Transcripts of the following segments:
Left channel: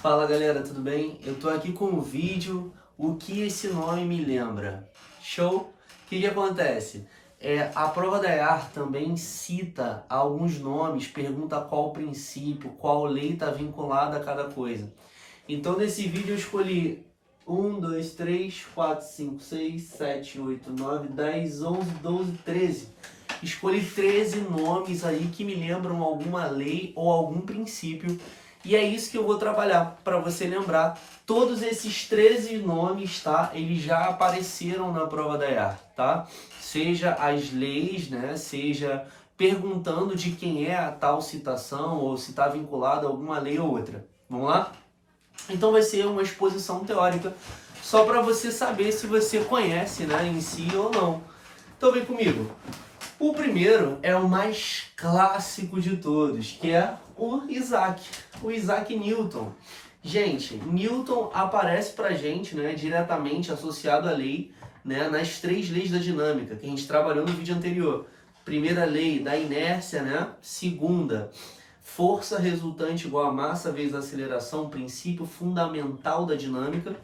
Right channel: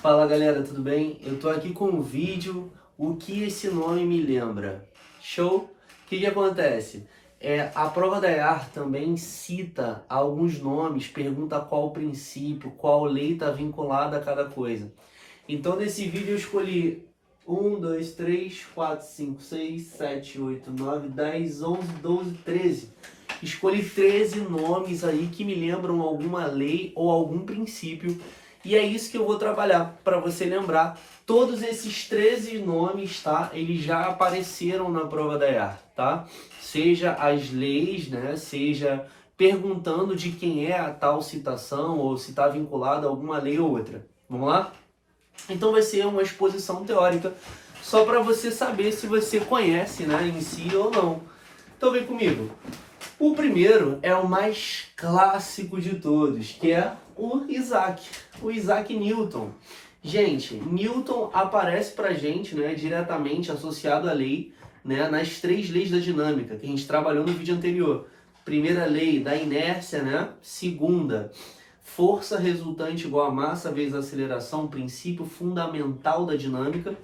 Fala galera, tudo bem? Eu tô aqui com um vídeo, o que esse nome me lembra? Show? O que acontece? A prova da EAR também cita alguns nomes, pergunta qual princípio, qual lei está vinculada a cada coisa. Então nesse vídeo eu escolhi 1, 2, 3, 4, 5, 6, 7, 8, 9, 10, 11, 12, 13. Escolhi 13 nomes aí que me lembram alguma lei ou algum princípio. E é isso que eu vou trabalhar para você lembrar. Todos esses 13 nomes, tá? Eles já apareceram na prova da EAR, tá? Seja as leis, né? Seja perguntando de quem é a tal citação ou se está vinculada a alguma lei ou outra. Vamos lá? Então vai ser uma exposição teórica só para você saber se você conhece, né, em si ou não. Então vem comigo. O primeiro é o mais clássico de todos, que é o Isaac Newton. Gente, Newton aparece pra gente, né, diretamente associado à lei, né, nas 3 leis da dinâmica, que a gente trabalhou no vídeo anterior. Primeira lei da inércia, né? Segunda, força resultante igual a massa vezes aceleração, princípio fundamental da dinâmica.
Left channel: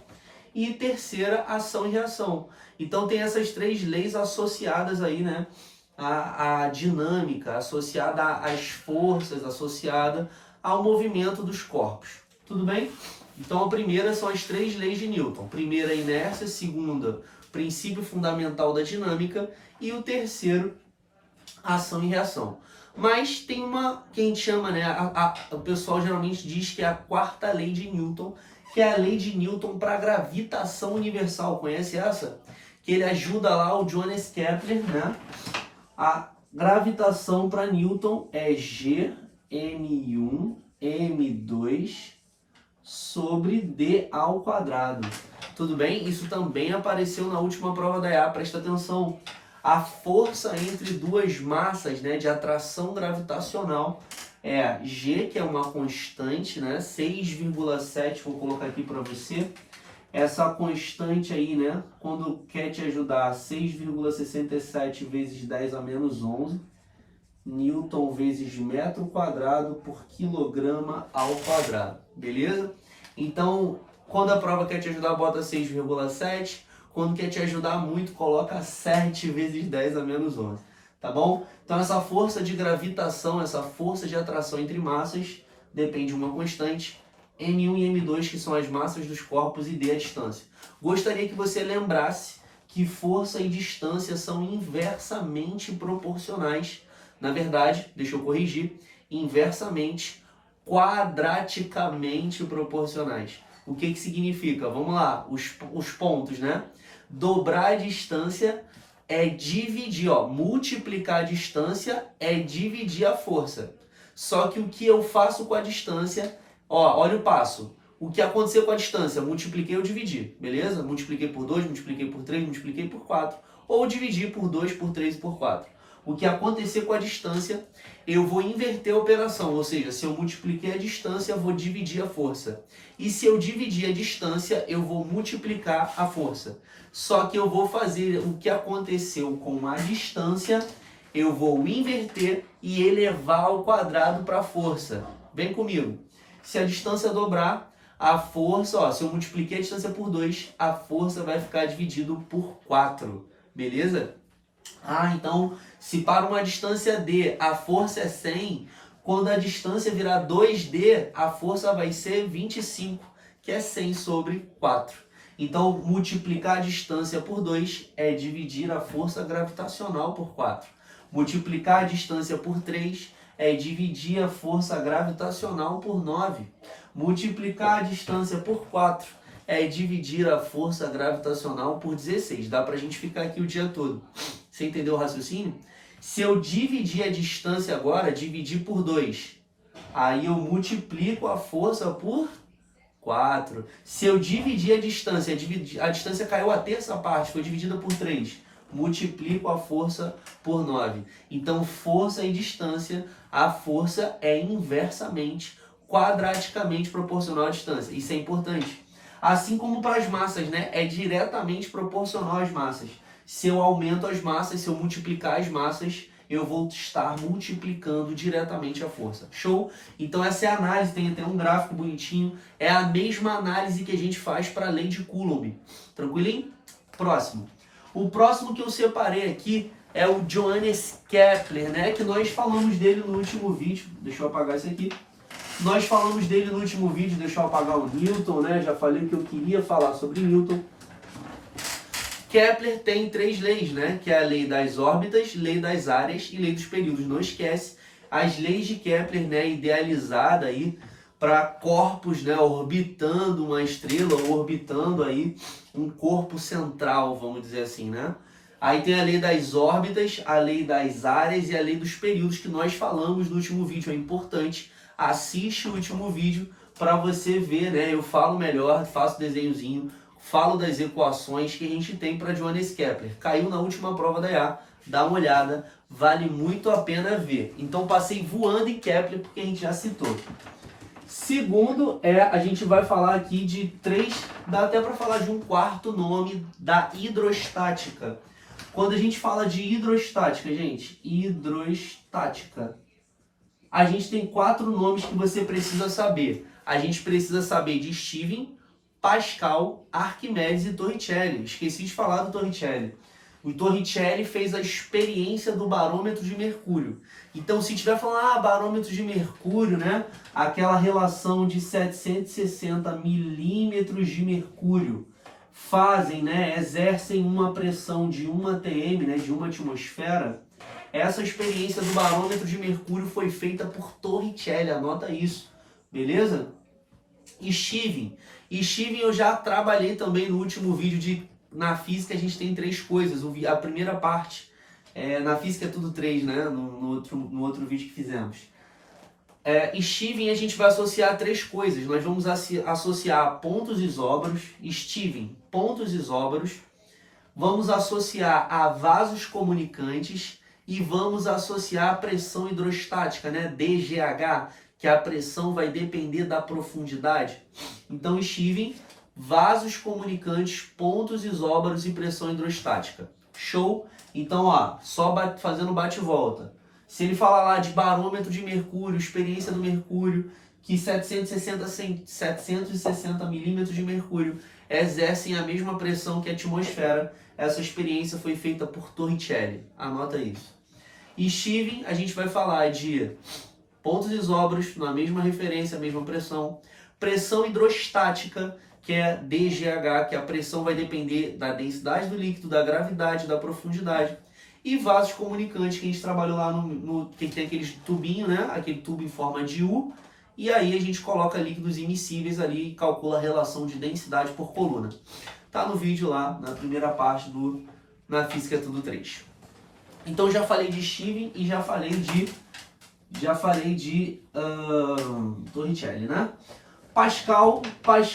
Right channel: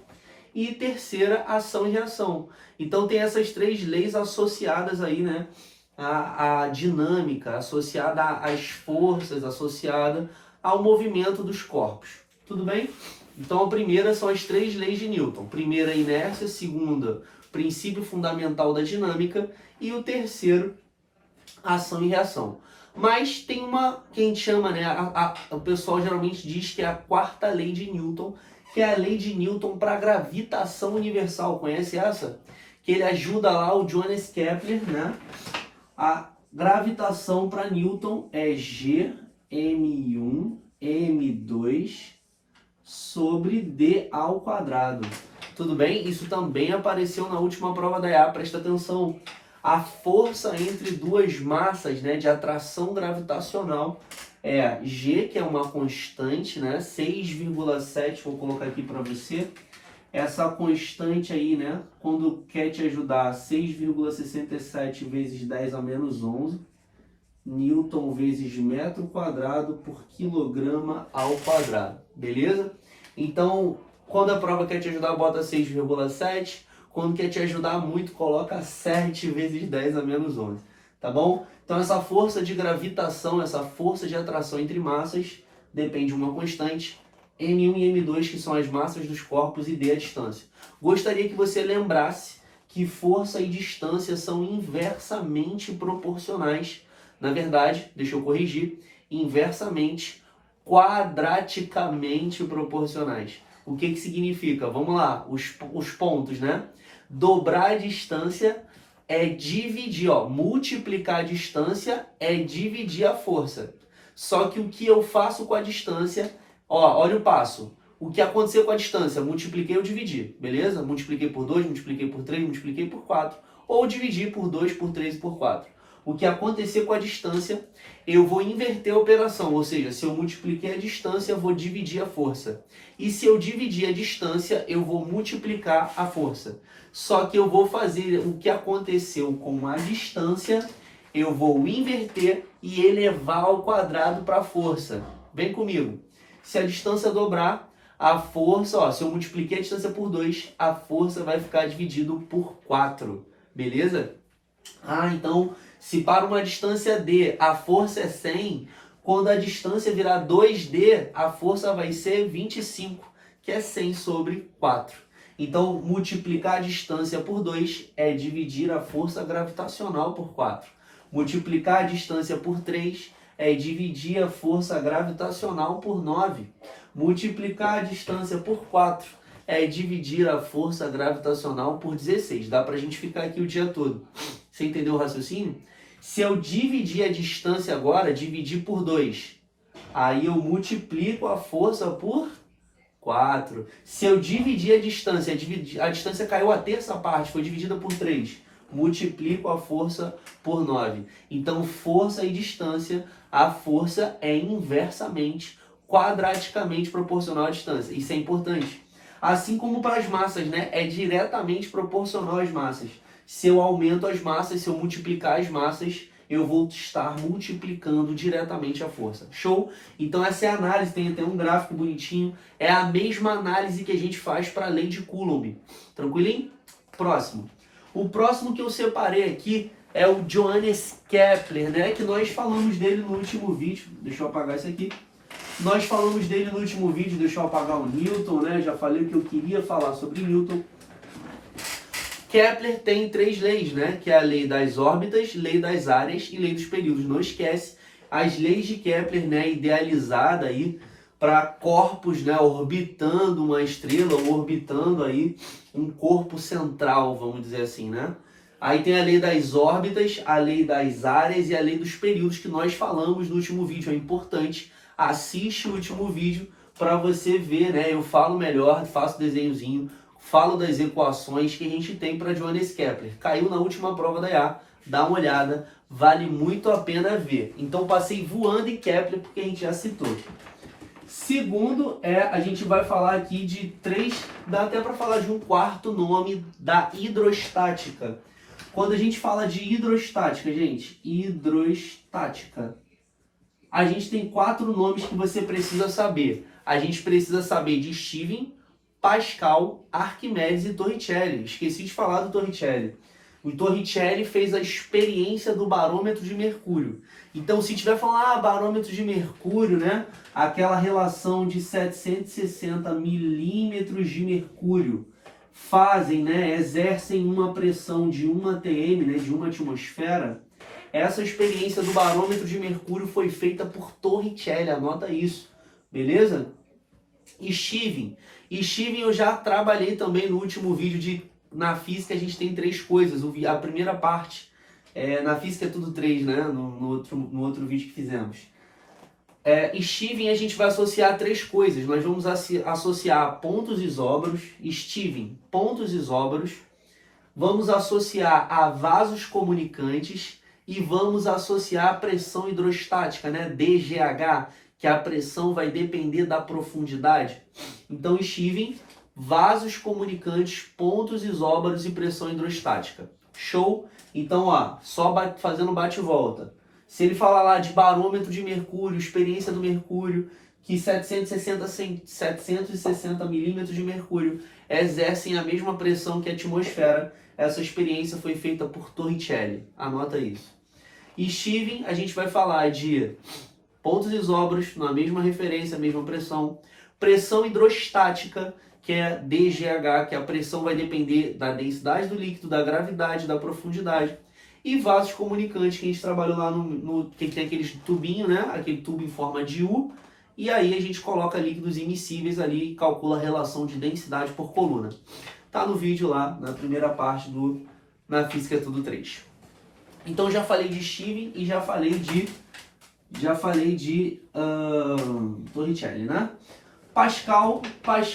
E terceira, ação e reação. Então tem essas 3 leis associadas aí, né? A dinâmica, associada às forças, associada ao movimento dos corpos. Tudo bem? Então a primeira são as 3 leis de Newton. Primeira, inércia. Segunda, princípio fundamental da dinâmica. E o terceiro, ação e reação. Mas tem uma que a gente chama, né? O pessoal geralmente diz que é a 4ª lei de Newton, que é a lei de Newton para gravitação universal. Conhece essa? Que ele ajuda lá o Johannes Kepler, né? A gravitação para Newton é Gm1 m2 sobre d ao quadrado. Tudo bem? Isso também apareceu na última prova da EA, presta atenção. A força entre duas massas, né, de atração gravitacional é G, que é uma constante, né, 6,7, vou colocar aqui para você. Essa constante aí, né, quando quer te ajudar, 6,67 vezes 10 a menos 11, Newton vezes metro quadrado por quilograma ao quadrado, beleza? Então, quando a prova quer te ajudar, bota 6,7. Quando quer te ajudar muito, coloca 7 vezes 10 a menos 11, tá bom? Então essa força de gravitação, essa força de atração entre massas, depende de uma constante, M1 e M2, que são as massas dos corpos, e D a distância. Gostaria que você lembrasse que força e distância são inversamente proporcionais. Na verdade, deixa eu corrigir, inversamente, quadraticamente proporcionais. O que significa? Vamos lá, os pontos, né? Dobrar a distância é dividir, ó, multiplicar a distância é dividir a força. Só que o que eu faço com a distância, ó, olha o passo. O que aconteceu com a distância? Multipliquei ou dividi, beleza? Multipliquei por 2, multipliquei por 3, multipliquei por 4. Ou dividi por 2, por 3 e por 4. O que acontecer com a distância, eu vou inverter a operação, ou seja, se eu multipliquei a distância, eu vou dividir a força. E se eu dividir a distância, eu vou multiplicar a força. Só que eu vou fazer o que aconteceu com a distância, eu vou inverter e elevar ao quadrado para a força. Vem comigo. Se a distância dobrar, a força, ó, se eu multipliquei a distância por 2, a força vai ficar dividido por 4. Beleza? Então, se para uma distância D a força é 100, quando a distância virar 2D, a força vai ser 25, que é 100 sobre 4. Então, multiplicar a distância por 2 é dividir a força gravitacional por 4. Multiplicar a distância por 3 é dividir a força gravitacional por 9. Multiplicar a distância por 4 é dividir a força gravitacional por 16. Dá pra gente ficar aqui o dia todo. Você entendeu o raciocínio? Se eu dividir a distância agora, dividir por 2, aí eu multiplico a força por 4. Se eu dividir a distância caiu a terça parte, foi dividida por 3, multiplico a força por 9. Então, força e distância, a força é inversamente, quadraticamente proporcional à distância. Isso é importante. Assim como para as massas, né? É diretamente proporcional às massas. Se eu aumento as massas, se eu multiplicar as massas, eu vou estar multiplicando diretamente a força. Show? Então essa é a análise, tem até um gráfico bonitinho. É a mesma análise que a gente faz para a lei de Coulomb. Tranquilinho? Próximo. O próximo que eu separei aqui é o Johannes Kepler, né? Que nós falamos dele no último vídeo. Deixa eu apagar isso aqui. Nós falamos dele no último vídeo, deixa eu apagar o Newton, né? Já falei o que eu queria falar sobre Newton. Kepler tem 3 leis, né? Que é a lei das órbitas, lei das áreas e lei dos períodos. Não esquece as leis de Kepler, né? Idealizada aí para corpos, né? Orbitando uma estrela ou orbitando aí um corpo central, vamos dizer assim, né? Aí tem a lei das órbitas, a lei das áreas e a lei dos períodos que nós falamos no último vídeo. É importante, assiste o último vídeo para você ver, né? Eu falo melhor, faço desenhozinho, falo das equações que a gente tem para Johannes Kepler. Caiu na última prova da IA, dá uma olhada, vale muito a pena ver. Então passei voando em Kepler porque a gente já citou. Segundo, a gente vai falar aqui de 3, dá até para falar de um quarto nome da hidrostática. Quando a gente fala de hidrostática, gente, hidrostática, a gente tem 4 nomes que você precisa saber. A gente precisa saber de Stevin, Pascal, Arquimedes e Torricelli. Esqueci de falar do Torricelli. O Torricelli fez a experiência do barômetro de mercúrio. Então, se tiver falando, barômetro de mercúrio, né? Aquela relação de 760 milímetros de mercúrio fazem, né? Exercem uma pressão de 1 atm, né? De 1 atmosfera. Essa experiência do barômetro de mercúrio foi feita por Torricelli, anota isso, beleza? E Stevin eu já trabalhei também no último vídeo na física. A gente tem 3 coisas. A primeira parte, na física é tudo 3, né? No outro vídeo que fizemos. Stevin a gente vai associar 3 coisas. Nós vamos associar pontos isóbaros, Stevin, pontos isóbaros. Vamos associar a vasos comunicantes e vamos associar a pressão hidrostática, né? DGH, que a pressão vai depender da profundidade. Então, Stevin, vasos comunicantes, pontos isóbaros e pressão hidrostática. Show? Então, só fazendo bate-volta. Se ele falar lá de barômetro de mercúrio, experiência do mercúrio, que 760 milímetros de mercúrio exercem a mesma pressão que a atmosfera, essa experiência foi feita por Torricelli. Anota isso. E Stevin, a gente vai falar de pontos isóbaros, na mesma referência, mesma pressão. Pressão hidrostática, que é DGH, que a pressão vai depender da densidade do líquido, da gravidade, da profundidade. E vasos comunicantes, que a gente trabalhou lá que tem aqueles tubinhos, né? Aquele tubo em forma de U. E aí a gente coloca líquidos immiscíveis ali e calcula a relação de densidade por coluna. Tá no vídeo lá, na primeira parte Na Física é Tudo 3. Então já falei de Stevin e já falei de Torricelli, né? Pascal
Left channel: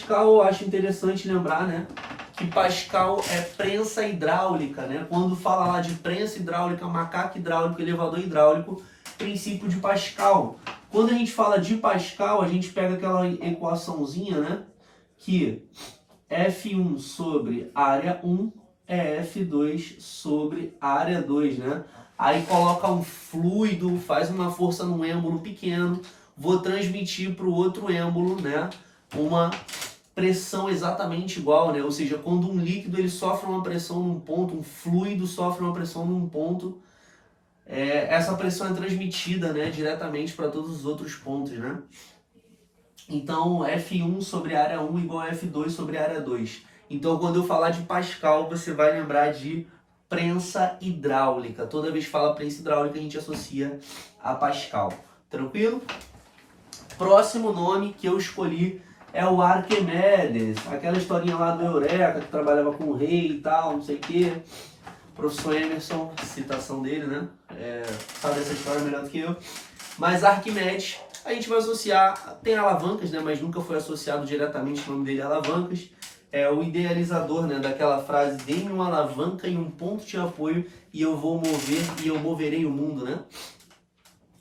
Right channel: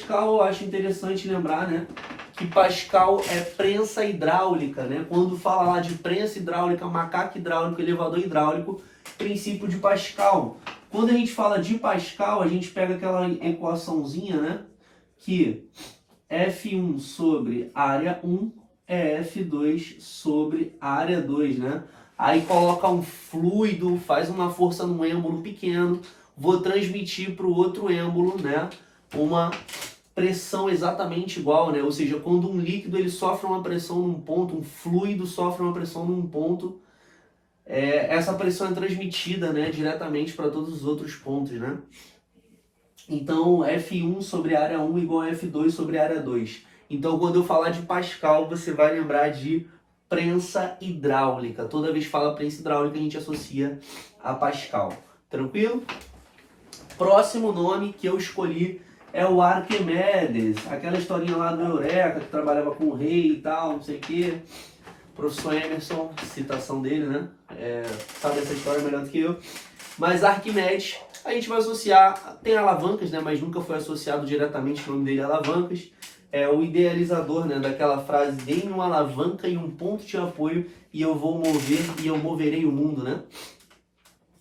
eu acho interessante lembrar, né? Que Pascal é prensa hidráulica, né? Quando fala lá de prensa hidráulica, macaco hidráulico, elevador hidráulico, princípio de Pascal. Quando a gente fala de Pascal, a gente pega aquela equaçãozinha, né? Que F1 sobre área 1 é F2 sobre área 2, né? Aí coloca um fluido, faz uma força num êmbolo pequeno, vou transmitir para o outro êmbolo, né? Uma pressão exatamente igual, né? Ou seja, quando um líquido ele sofre uma pressão num ponto, um fluido sofre uma pressão num ponto, essa pressão é transmitida, né, diretamente para todos os outros pontos, né? Então, F1 sobre área 1 igual a F2 sobre área 2. Então, quando eu falar de Pascal, você vai lembrar de prensa hidráulica. Toda vez que fala prensa hidráulica, a gente associa a Pascal. Tranquilo? Próximo nome que eu escolhi é o Arquimedes. Aquela historinha lá do Eureka, que trabalhava com o rei e tal, não sei o quê. Professor Emerson, citação dele, né? Sabe essa história melhor do que eu. Mas Arquimedes, a gente vai associar, tem alavancas, né? Mas nunca foi associado diretamente o nome dele a alavancas. É o idealizador, né, daquela frase: dê-me uma alavanca e um ponto de apoio e eu vou mover e eu moverei o mundo, né?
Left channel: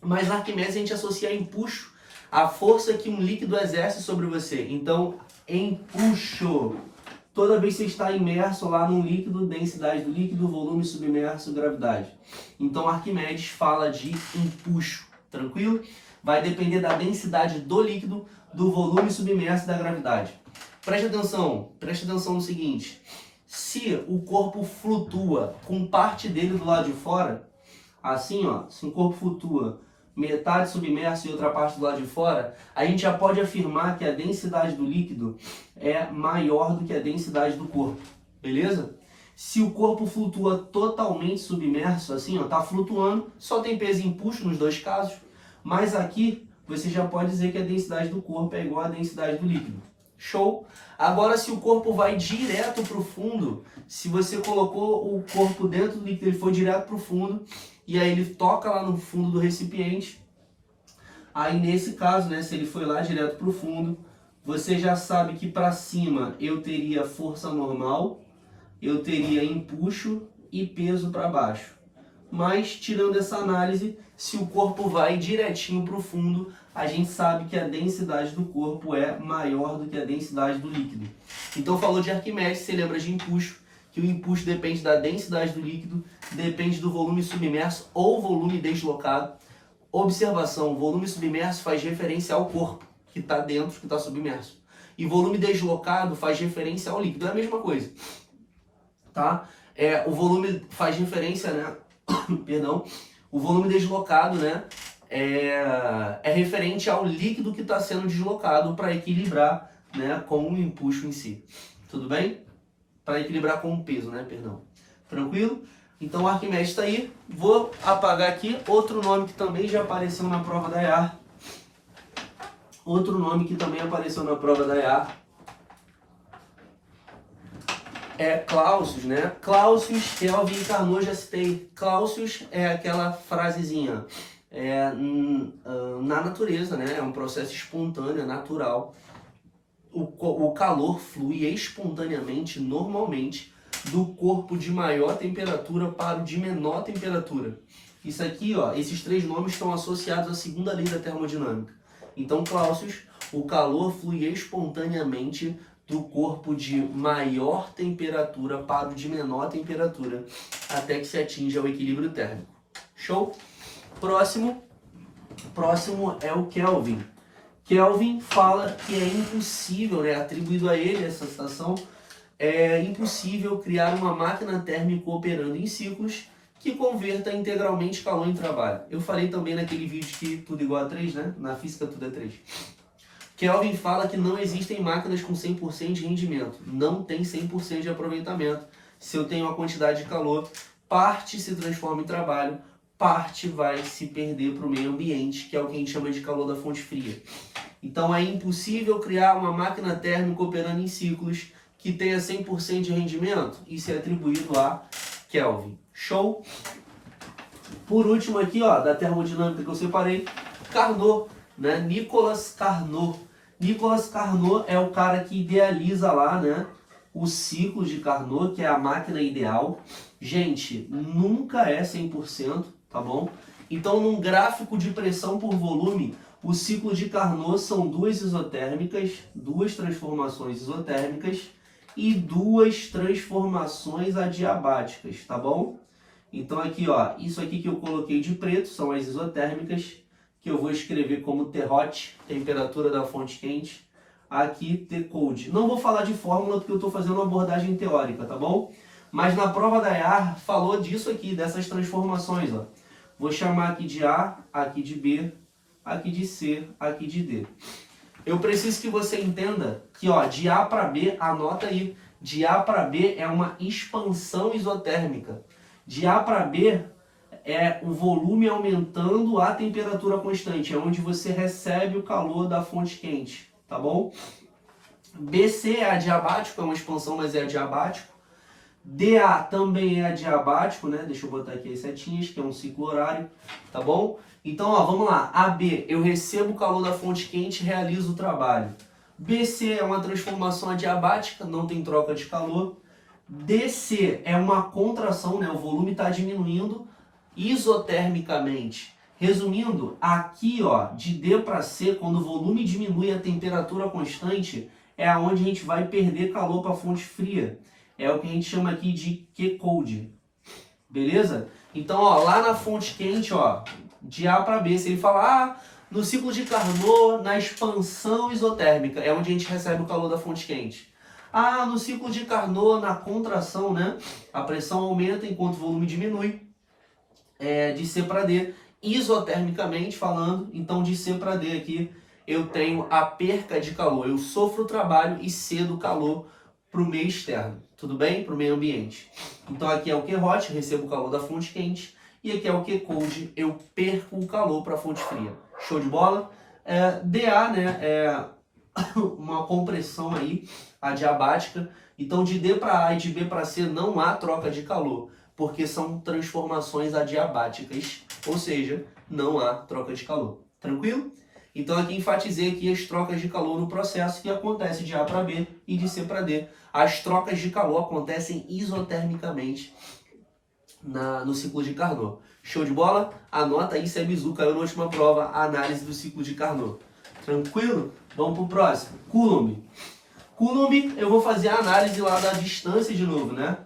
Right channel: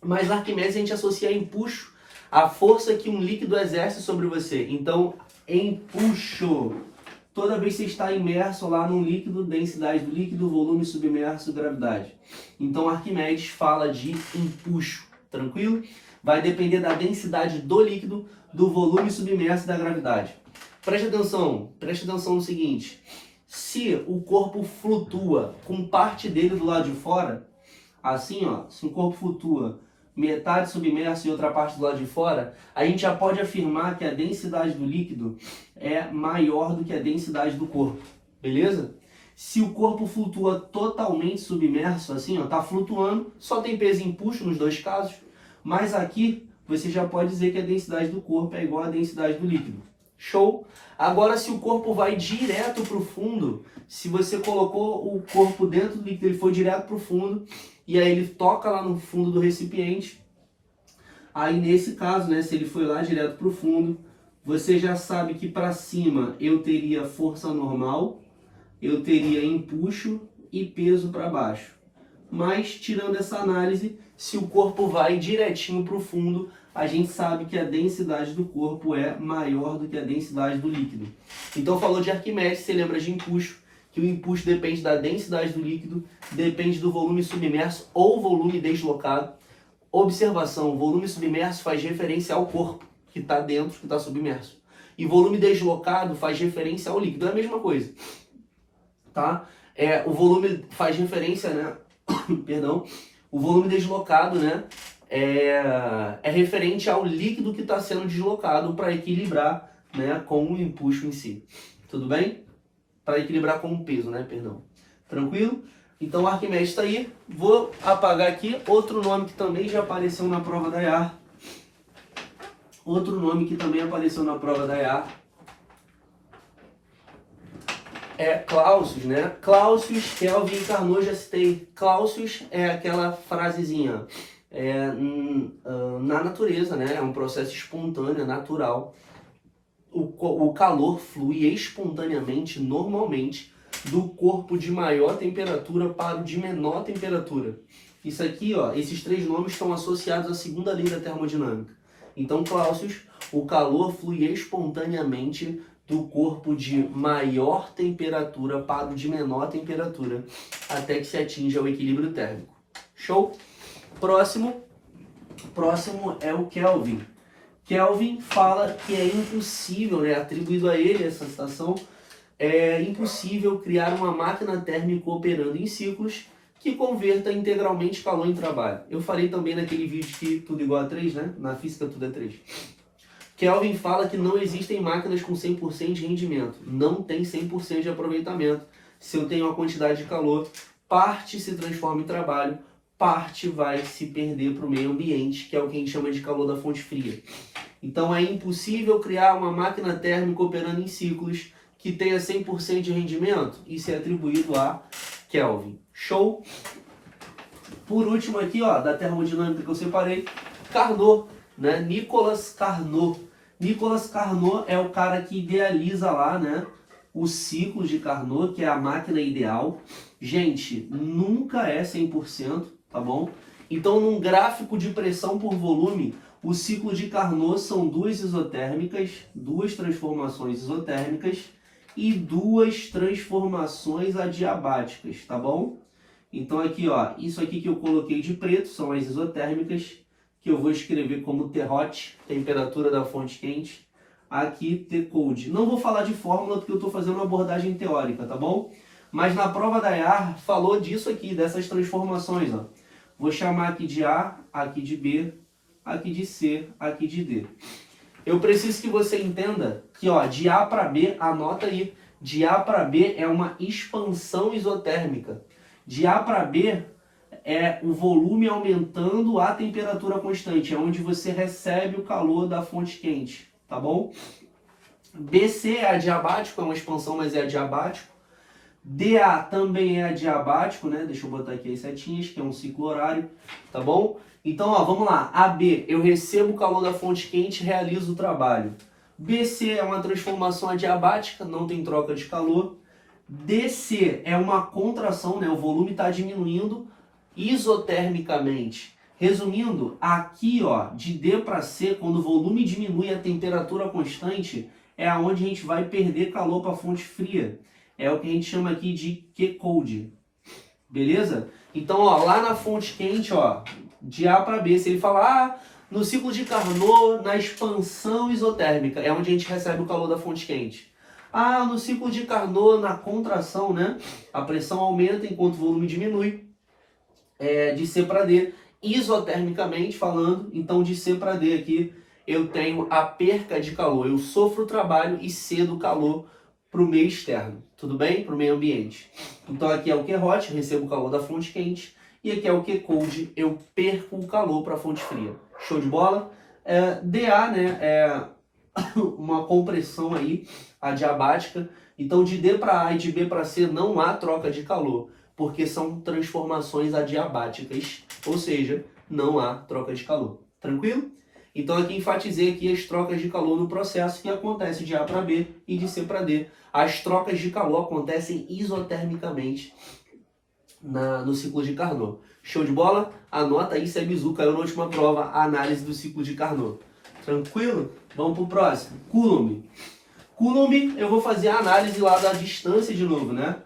Mas Arquimedes a gente associa a empuxo, a força que um líquido exerce sobre você. Então, empuxo. toda vez que você está imerso lá num líquido, densidade do líquido, volume submerso, gravidade. Então Arquimedes fala de empuxo, tranquilo? Vai depender da densidade do líquido, do volume submerso e da gravidade. Preste atenção no seguinte, se o corpo flutua com parte dele do lado de fora, assim ó, se o corpo flutua metade submerso e outra parte do lado de fora, a gente já pode afirmar que a densidade do líquido é maior do que a densidade do corpo, beleza? Se o corpo flutua totalmente submerso, assim ó, tá flutuando, só tem peso e empuxo nos dois casos, mas aqui você já pode dizer que a densidade do corpo é igual à densidade do líquido. Show? Agora, se o corpo vai direto para o fundo, se você colocou o corpo dentro do líquido, ele foi direto para o fundo, e aí ele toca lá no fundo do recipiente, aí nesse caso, né, se ele foi lá direto para o fundo, você já sabe que para cima eu teria força normal, eu teria empuxo e peso para baixo. Mas, tirando essa análise, se o corpo vai direitinho para o fundo, a gente sabe que a densidade do corpo é maior do que a densidade do líquido. Então, falou de Arquimedes, você lembra de empuxo, que o empuxo depende da densidade do líquido, depende do volume submerso ou volume deslocado. Observação, volume submerso faz referência ao corpo, que está dentro, que está submerso. E volume deslocado faz referência ao líquido, é a mesma coisa. Tá? O volume faz referência, né? Perdão, o volume deslocado, né, é referente ao líquido que está sendo deslocado para equilibrar, né, com o empuxo em si. Tudo bem? Para equilibrar com o peso, né, perdão. Tranquilo? Então Arquimedes está aí. Vou apagar aqui outro nome que também já apareceu na prova da IAR. Outro nome que também apareceu na prova da IAR é Clausius, né? Clausius, Kelvin e Carnot já citei. Clausius é aquela frasezinha, na natureza, né? É um processo espontâneo, natural. O calor flui espontaneamente, normalmente, do corpo de maior temperatura para o de menor temperatura. Isso aqui, ó, esses três nomes estão associados à segunda lei da termodinâmica. Então, Clausius, o calor flui espontaneamente do corpo de maior temperatura para o de menor temperatura, até que se atinja o equilíbrio térmico. Show? Próximo é o Kelvin. Kelvin fala que é impossível, né, atribuído a ele essa citação, é impossível criar uma máquina térmica operando em ciclos que converta integralmente calor em trabalho. Eu falei também naquele vídeo que tudo igual a 3, né? Na física tudo é 3. Kelvin fala que não existem máquinas com 100% de rendimento. Não tem 100% de aproveitamento. Se eu tenho uma quantidade de calor, parte se transforma em trabalho, parte vai se perder para o meio ambiente, que é o que a gente chama de calor da fonte fria. Então é impossível criar uma máquina térmica operando em ciclos que tenha 100% de rendimento. Isso é atribuído a Kelvin. Show? Por último aqui, ó, da termodinâmica que eu separei, Carnot, né? Nicolas Carnot. Nicolas Carnot é o cara que idealiza lá, né, o ciclo de Carnot, que é a máquina ideal. Gente, nunca é 100%, tá bom? Então, num gráfico de pressão por volume, o ciclo de Carnot são duas isotérmicas, duas transformações isotérmicas e duas transformações adiabáticas, tá bom? Então aqui, ó, isso aqui que eu coloquei de preto são as isotérmicas, que eu vou escrever como T-hot, temperatura da fonte quente, aqui T-cold. Não vou falar de fórmula porque eu estou fazendo uma abordagem teórica, tá bom? Mas na prova da IAR falou disso aqui, dessas transformações, ó. Vou chamar aqui de A, aqui de B, aqui de C, aqui de D. Eu preciso que você entenda que, ó, de A para B, anota aí, de A para B é uma expansão isotérmica. De A para B é o volume aumentando a temperatura constante, é onde você recebe o calor da fonte quente, tá bom? BC é adiabático, é uma expansão, mas é adiabático. DA também é adiabático, né? Deixa eu botar aqui as setinhas, que é um ciclo horário, tá bom? Então, ó, vamos lá. AB, eu recebo o calor da fonte quente e realizo o trabalho. BC é uma transformação adiabática, não tem troca de calor. DC é uma contração, né? O volume está diminuindo isotermicamente. Resumindo, aqui, ó, de D para C, quando o volume diminui a temperatura constante, é onde a gente vai perder calor para a fonte fria. É o que a gente chama aqui de Q-Cold. Beleza? Então, ó, lá na fonte quente, ó, de A para B, se ele falar, no ciclo de Carnot, na expansão isotérmica, é onde a gente recebe o calor da fonte quente. No ciclo de Carnot, na contração, né, a pressão aumenta enquanto o volume diminui, de C para D, isotermicamente falando. Então, de C para D aqui, eu tenho a perca de calor. Eu sofro o trabalho e cedo calor para o meio externo, tudo bem? Para o meio ambiente. Então aqui é o Q-hot, eu recebo o calor da fonte quente, e aqui é o Q-cold, eu perco o calor para a fonte fria. Show de bola? DA, né, é uma compressão aí adiabática. Então de D para A e de B para C não há troca de calor, porque são transformações adiabáticas, ou seja, não há troca de calor. Tranquilo? Então aqui enfatizei aqui as trocas de calor no processo que acontece de A para B e de C para D. As trocas de calor acontecem isotermicamente no ciclo de Carnot. Show de bola? Anota aí se a Bizu caiu na última prova, a análise do ciclo de Carnot. Tranquilo? Vamos para o próximo. Coulomb. Coulomb, eu vou fazer a análise lá da distância de novo, né?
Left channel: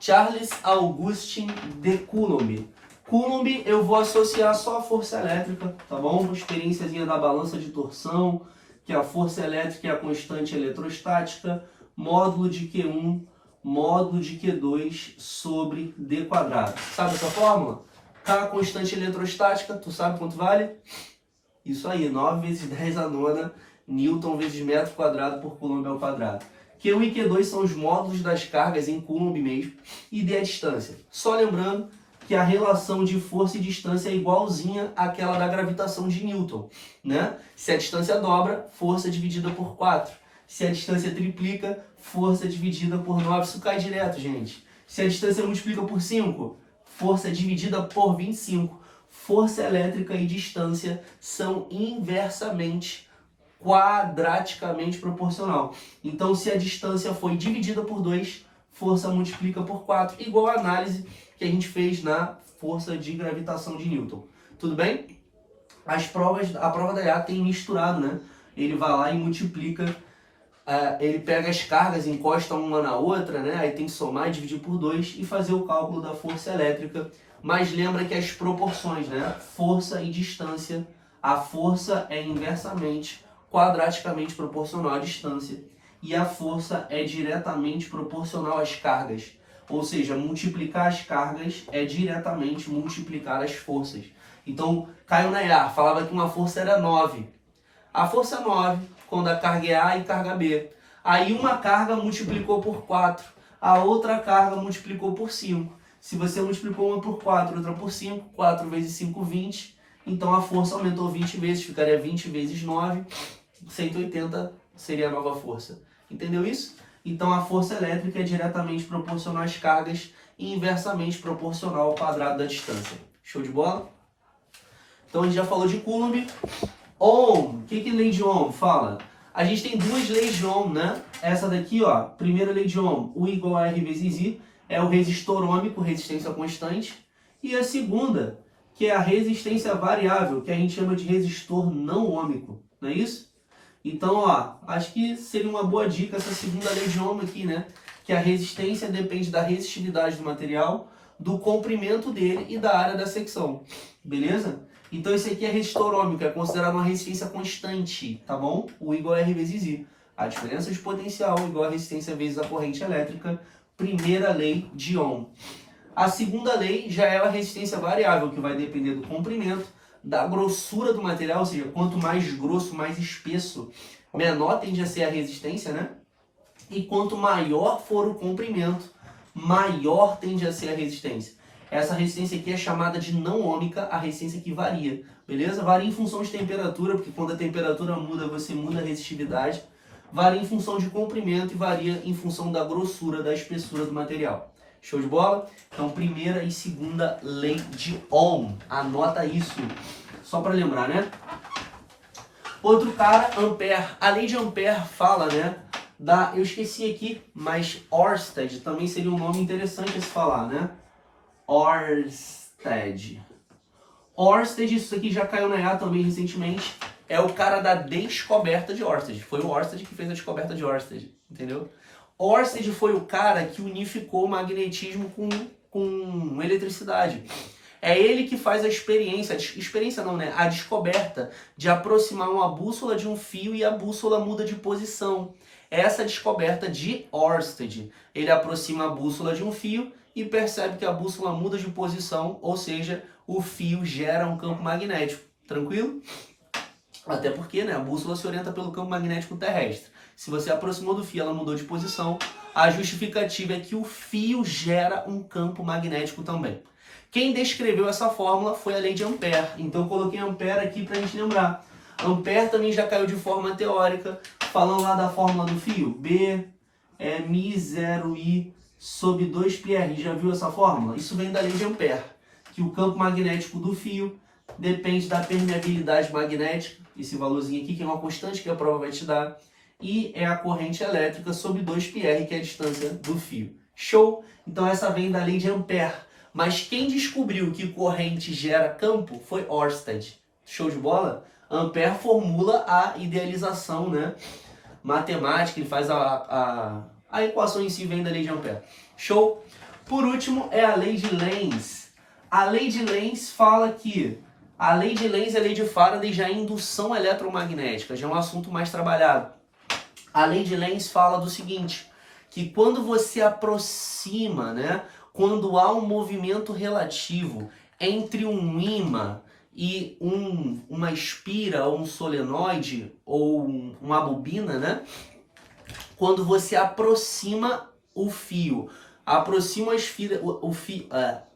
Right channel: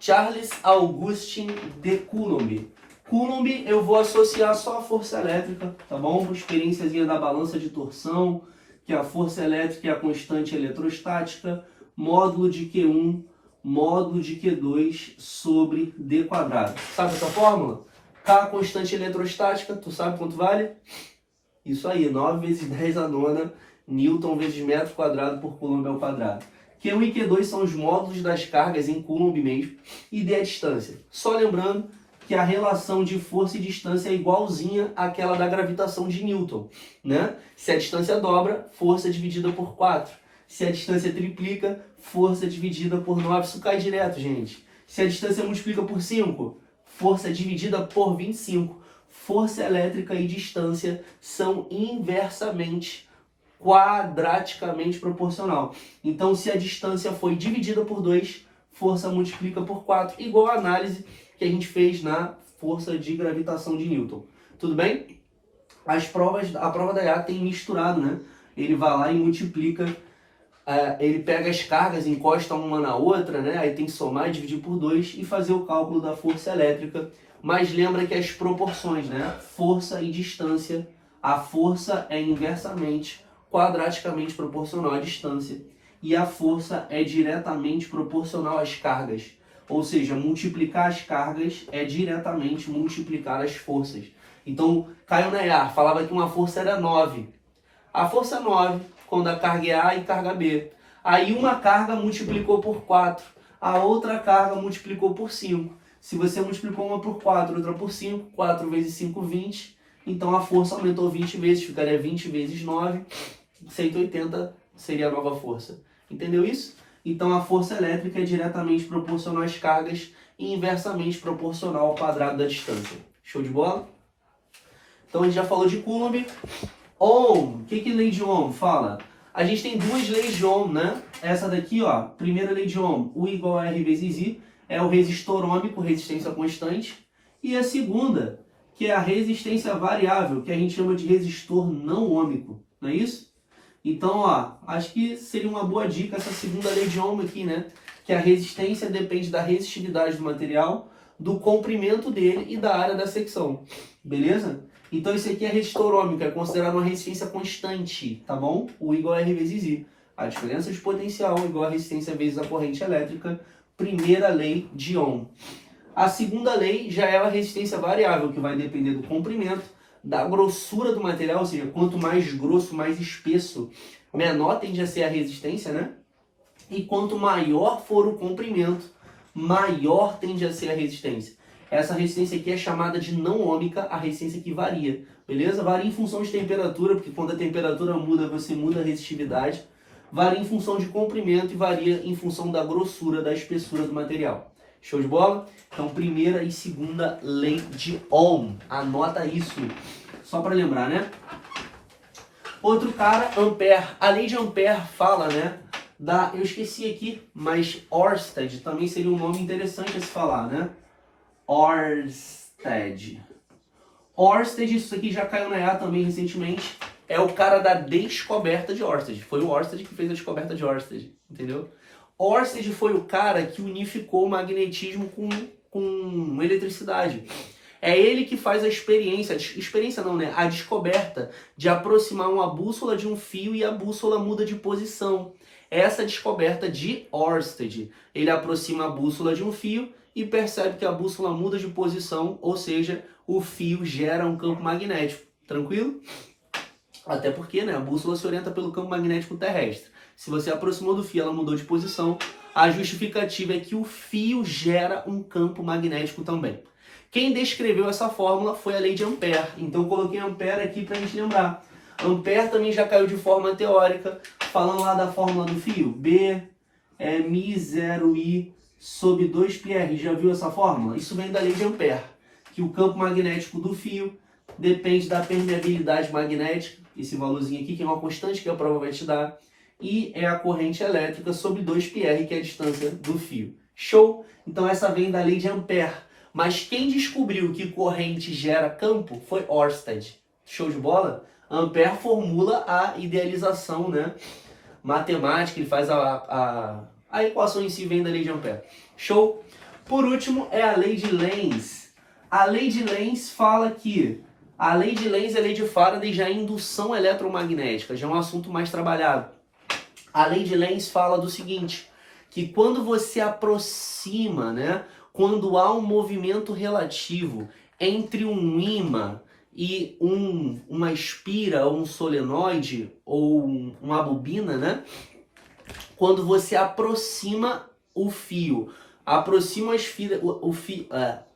Charles Augustin de Coulomb. Coulomb eu vou associar só a força elétrica, tá bom? Uma experiênciazinha da balança de torção, que a força elétrica é a constante eletrostática, módulo de Q1, módulo de Q2 sobre D quadrado. Sabe essa fórmula? K, constante eletrostática, tu sabe quanto vale? Isso aí, 9 vezes 10 a nona, Newton vezes metro quadrado por Coulomb ao quadrado. Q1 e Q2 são os módulos das cargas em Coulomb mesmo, e D é a distância. Só lembrando que a relação de força e distância é igualzinha àquela da gravitação de Newton, né? Se a distância dobra, força dividida por 4. Se a distância triplica, força dividida por 9. Isso cai direto, gente. Se a distância multiplica por 5, força dividida por 25. Força elétrica e distância são inversamente, quadraticamente proporcional. Então, se a distância foi dividida por 2, força multiplica por 4, igual a análise que a gente fez na força de gravitação de Newton. Tudo bem? A prova da IA tem misturado, né? Ele vai lá e multiplica, ele pega as cargas, encosta uma na outra, né? Aí tem que somar e dividir por 2 e fazer o cálculo da força elétrica. Mas lembra que as proporções, né? Força e distância, a força é inversamente, quadraticamente proporcional à distância, e a força é diretamente proporcional às cargas. Ou seja, multiplicar as cargas é diretamente multiplicar as forças. Então, Caio Nayar falava que uma força era 9. A força é 9, quando a carga é A e carga B. Aí uma carga multiplicou por 4, a outra carga multiplicou por 5. Se você multiplicou uma por 4, outra por 5, 4 vezes 5, 20. Então a força aumentou 20 vezes, ficaria 20 vezes 9, 180 seria a nova força. Entendeu isso? Então a força elétrica é diretamente proporcional às cargas e inversamente proporcional ao quadrado da distância. Show de bola? Então a gente já falou de Coulomb. Ohm, o que lei de Ohm fala? A gente tem duas leis de Ohm, né? Essa daqui, ó, primeira lei de Ohm, U igual a R vezes I, é o resistor ôhmico, resistência constante. E a segunda, que é a resistência variável, que a gente chama de resistor não ôhmico, não é isso? Então, ó, acho que seria uma boa dica essa segunda lei de Ohm aqui, né? Que a resistência depende da resistividade do material, do comprimento dele e da área da secção, beleza? Então esse aqui é resistor ôhmico, é considerado uma resistência constante, tá bom? U igual a R vezes I. A diferença de potencial é igual a resistência vezes a corrente elétrica, primeira lei de Ohm. A segunda lei já é a resistência variável, que vai depender do comprimento, da grossura do material, ou seja, quanto mais grosso, mais espesso, menor tende a ser a resistência, né? E quanto maior for o comprimento, maior tende a ser a resistência. Essa resistência aqui é chamada de não ôhmica, a resistência que varia, beleza? Varia em função de temperatura, porque quando a temperatura muda, você muda a resistividade. Varia em função de comprimento e varia em função da grossura, da espessura do material. Show de bola? Então, primeira e segunda lei de Ohm. Anota isso, só para lembrar, né? Outro cara, Ampère. A lei de Ampère fala, né? Eu esqueci aqui, mas Ørsted também seria um nome interessante a se falar, né? Ørsted. Ørsted, isso aqui já caiu na IA também recentemente. é o cara da descoberta de Ørsted. Foi o Ørsted que fez a descoberta de Ørsted, entendeu? Ørsted foi o cara que unificou o magnetismo com eletricidade. É ele que faz a experiência não, né? A descoberta de aproximar uma bússola de um fio e a bússola muda de posição. Essa descoberta de Ørsted. Ele aproxima a bússola de um fio e percebe que a bússola muda de posição, ou seja, o fio gera um campo magnético. Tranquilo? Até porque, né, a bússola se orienta pelo campo magnético terrestre. Se você aproximou do fio, ela mudou de posição. A justificativa é que o fio gera um campo magnético também. Quem descreveu essa fórmula foi a lei de Ampère. Então eu coloquei Ampère aqui para a gente lembrar. Ampère também já caiu de forma teórica, falando lá da fórmula do fio. B é μ0I sobre 2πr. Já viu essa fórmula? Isso vem da lei de Ampère, que o campo magnético do fio depende da permeabilidade magnética, esse valorzinho aqui, que é uma constante que a prova vai te dar, e é a corrente elétrica sobre 2πr, que é a distância do fio. Show? Então essa vem da lei de Ampère. Mas quem descobriu que corrente gera campo foi Ørsted. Show de bola? Ampère formula a idealização, né, matemática, ele faz a equação em si vem da lei de Ampère. Show? Por último é a lei de Lenz. A lei de Lenz fala que a lei de Lenz e a lei de Faraday já é indução eletromagnética, já é um assunto mais trabalhado. A lei de Lenz fala do seguinte, que quando você aproxima, né, quando há um movimento relativo entre um ímã e uma espira, ou um solenoide, ou uma bobina, né, quando você aproxima o fio, aproxima a espira,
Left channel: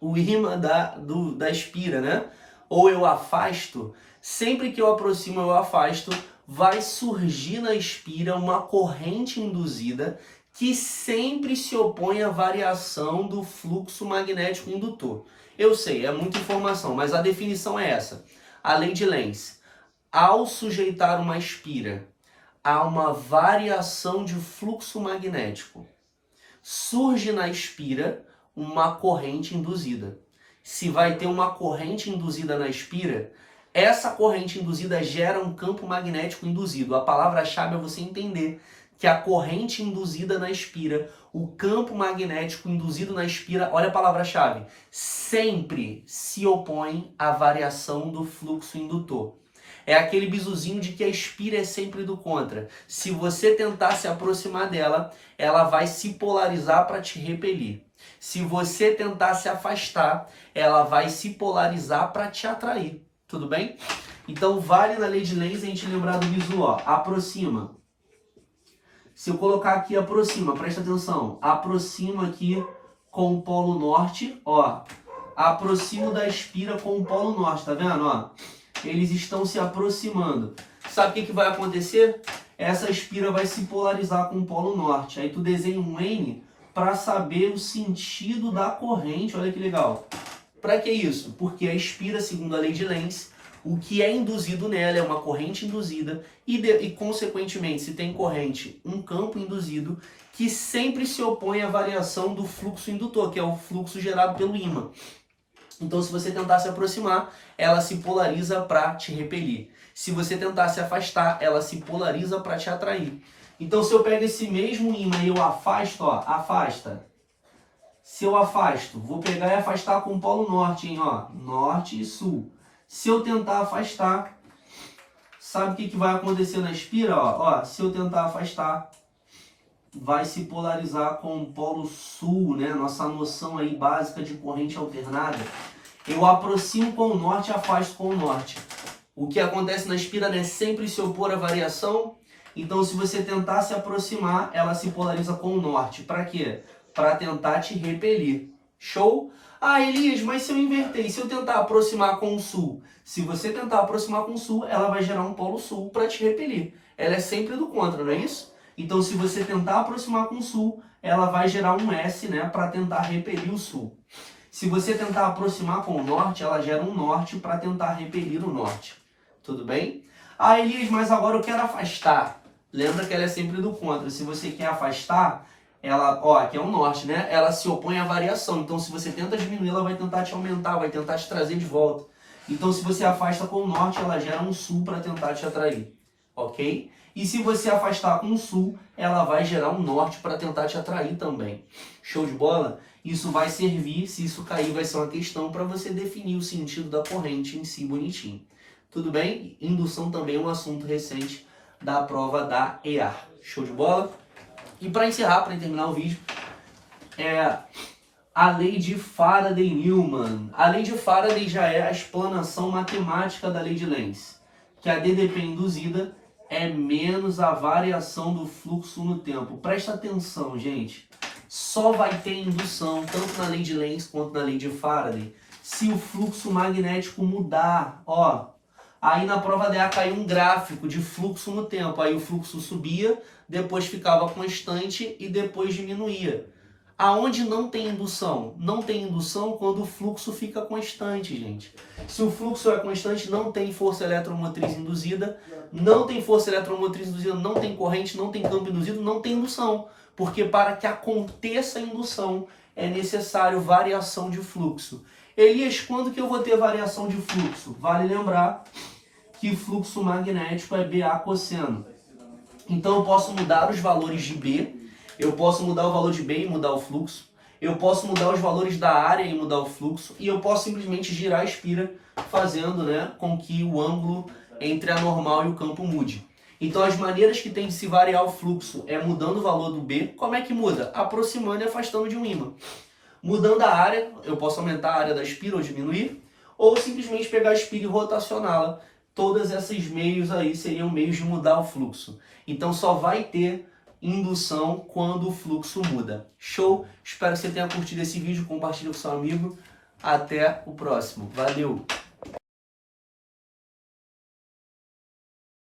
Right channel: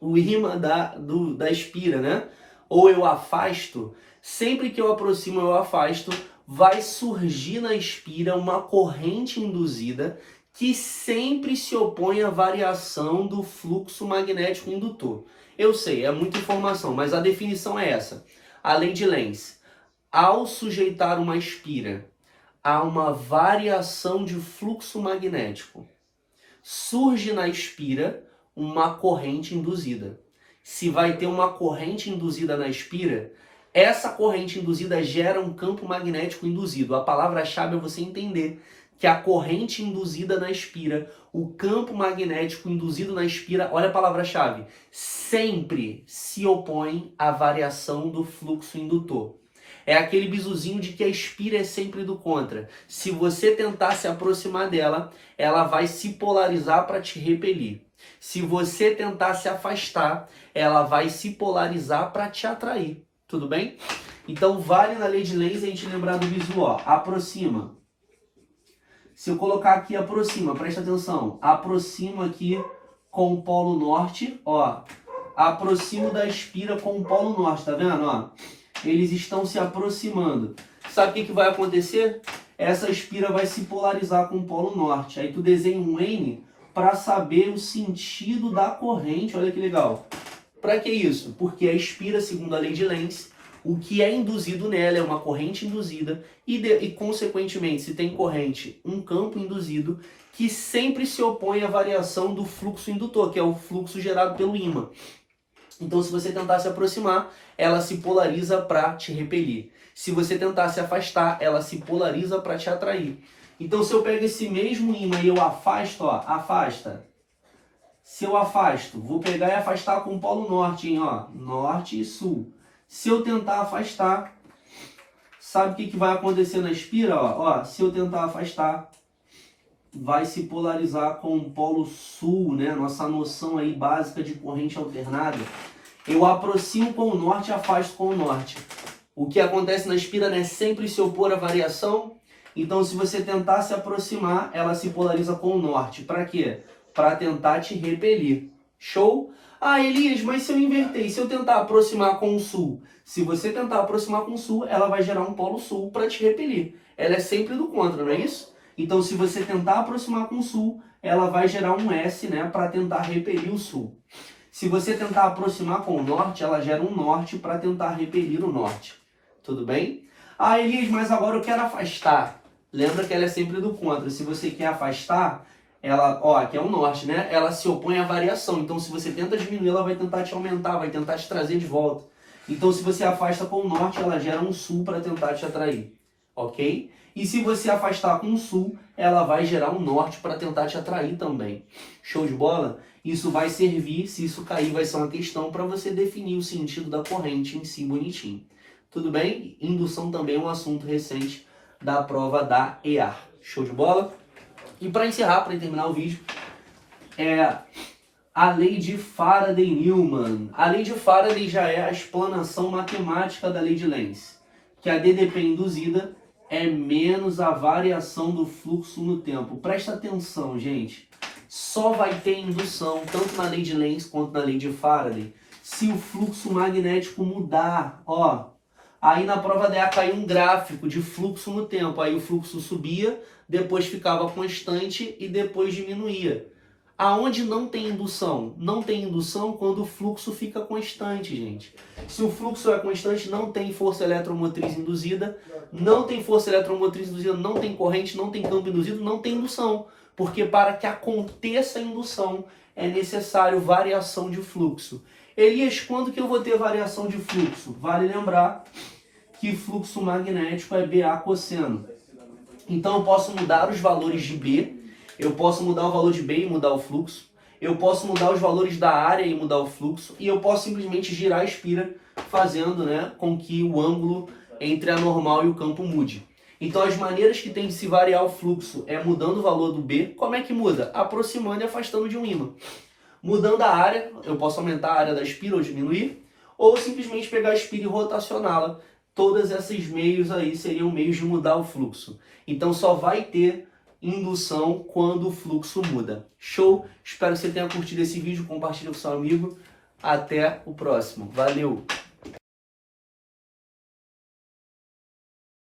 o ímã da espira, né, ou eu afasto, sempre que eu aproximo ou eu afasto, vai surgir na espira uma corrente induzida que sempre se opõe à variação do fluxo magnético indutor. Eu sei, é muita informação, mas a definição é essa. A lei de Lenz. Ao sujeitar uma espira a uma variação de fluxo magnético, surge na espira uma corrente induzida. Se vai ter uma corrente induzida na espira, essa corrente induzida gera um campo magnético induzido. A palavra-chave é você entender que a corrente induzida na espira, o campo magnético induzido na espira, olha a palavra-chave, sempre se opõe à variação do fluxo indutor. É aquele bisuzinho de que a espira é sempre do contra. Se você tentar se aproximar dela, ela vai se polarizar para te repelir. Se você tentar se afastar, ela vai se polarizar para te atrair. Tudo bem? Então vale na lei de Lenz a gente lembrar do bizu, ó, aproxima. Se eu colocar aqui aproxima, presta atenção, aproxima aqui com o polo norte, ó, aproximo da espira com o polo norte, tá vendo, ó? Eles estão se aproximando. Sabe o que vai acontecer? Essa espira vai se polarizar com o polo norte. Aí tu desenha um N para saber o sentido da corrente. Olha que legal. Para que isso? Porque a espira, segundo a lei de Lenz, o que é induzido nela é uma corrente induzida e consequentemente, se tem corrente, um campo induzido que sempre se opõe à variação do fluxo indutor, que é o fluxo gerado pelo ímã. Então, se você tentar se aproximar, ela se polariza para te repelir. Se você tentar se afastar, ela se polariza para te atrair. Então, se eu pego esse mesmo ímã e eu afasto, ó, afasta. Se eu afasto, vou pegar e afastar com o polo norte, hein, ó, norte e sul. Se eu tentar afastar, sabe o que vai acontecer na espira? Ó, se eu tentar afastar, vai se polarizar com o polo sul, né? Nossa noção aí básica de corrente alternada. Eu aproximo com o norte e afasto com o norte. O que acontece na espira, né? Sempre se opor à variação. Então, se você tentar se aproximar, ela se polariza com o norte. Para quê? Para tentar te repelir. Show? Ah, Elias, mas se eu inverter, se eu tentar aproximar com o sul? Se você tentar aproximar com o sul, ela vai gerar um polo sul para te repelir. Ela é sempre do contra, não é isso? Então, se você tentar aproximar com o sul, ela vai gerar um S, né, para tentar repelir o sul. Se você tentar aproximar com o norte, ela gera um norte para tentar repelir o norte. Tudo bem? Ah, Elias, mas agora eu quero afastar. Lembra que ela é sempre do contra. Se você quer afastar, ela, ó, aqui é um norte, né? Ela se opõe à variação. Então, se você tenta diminuir, ela vai tentar te aumentar, vai tentar te trazer de volta. Então, se você afasta com o norte, ela gera um sul para tentar te atrair, ok? E se você afastar com o sul, ela vai gerar um norte para tentar te atrair também. Show de bola? Isso vai servir, se isso cair, vai ser uma questão para você definir o sentido da corrente em si bonitinho. Tudo bem? Indução também é um assunto recente da prova da EAR. Show de bola? E para encerrar, para terminar o vídeo, a lei de Faraday-Newman. A lei de Faraday já é a explanação matemática da lei de Lenz, que a DDP induzida é menos a variação do fluxo no tempo. Presta atenção, gente. Só vai ter indução, tanto na lei de Lenz quanto na lei de Faraday, se o fluxo magnético mudar. Ó, aí na prova da EA caiu um gráfico de fluxo no tempo. Aí o fluxo subia, depois ficava constante e depois diminuía. Aonde não tem indução? Não tem indução quando o fluxo fica constante, gente. Se o fluxo é constante, não tem força eletromotriz induzida. Não tem força eletromotriz induzida, não tem corrente, não tem campo induzido, não tem indução. Porque para que aconteça a indução, é necessário variação de fluxo. Elias, quando que eu vou ter variação de fluxo? Vale lembrar que fluxo magnético é BA cosseno. Então eu posso mudar os valores de B, eu posso mudar o valor de B e mudar o fluxo, eu posso mudar os valores da área e mudar o fluxo, e eu posso simplesmente girar a espira, fazendo, né, com que o ângulo entre a normal e o campo mude. Então as maneiras que tem de se variar o fluxo é mudando o valor do B. Como é que muda? Aproximando e afastando de um ímã. Mudando a área, eu posso aumentar a área da espira ou diminuir, ou simplesmente pegar a espira e rotacioná-la. Todos esses meios aí seriam meios de mudar o fluxo. Então só vai ter indução quando o fluxo muda. Show? Espero que você tenha curtido esse vídeo, compartilhe com seu amigo. Até o próximo. Valeu!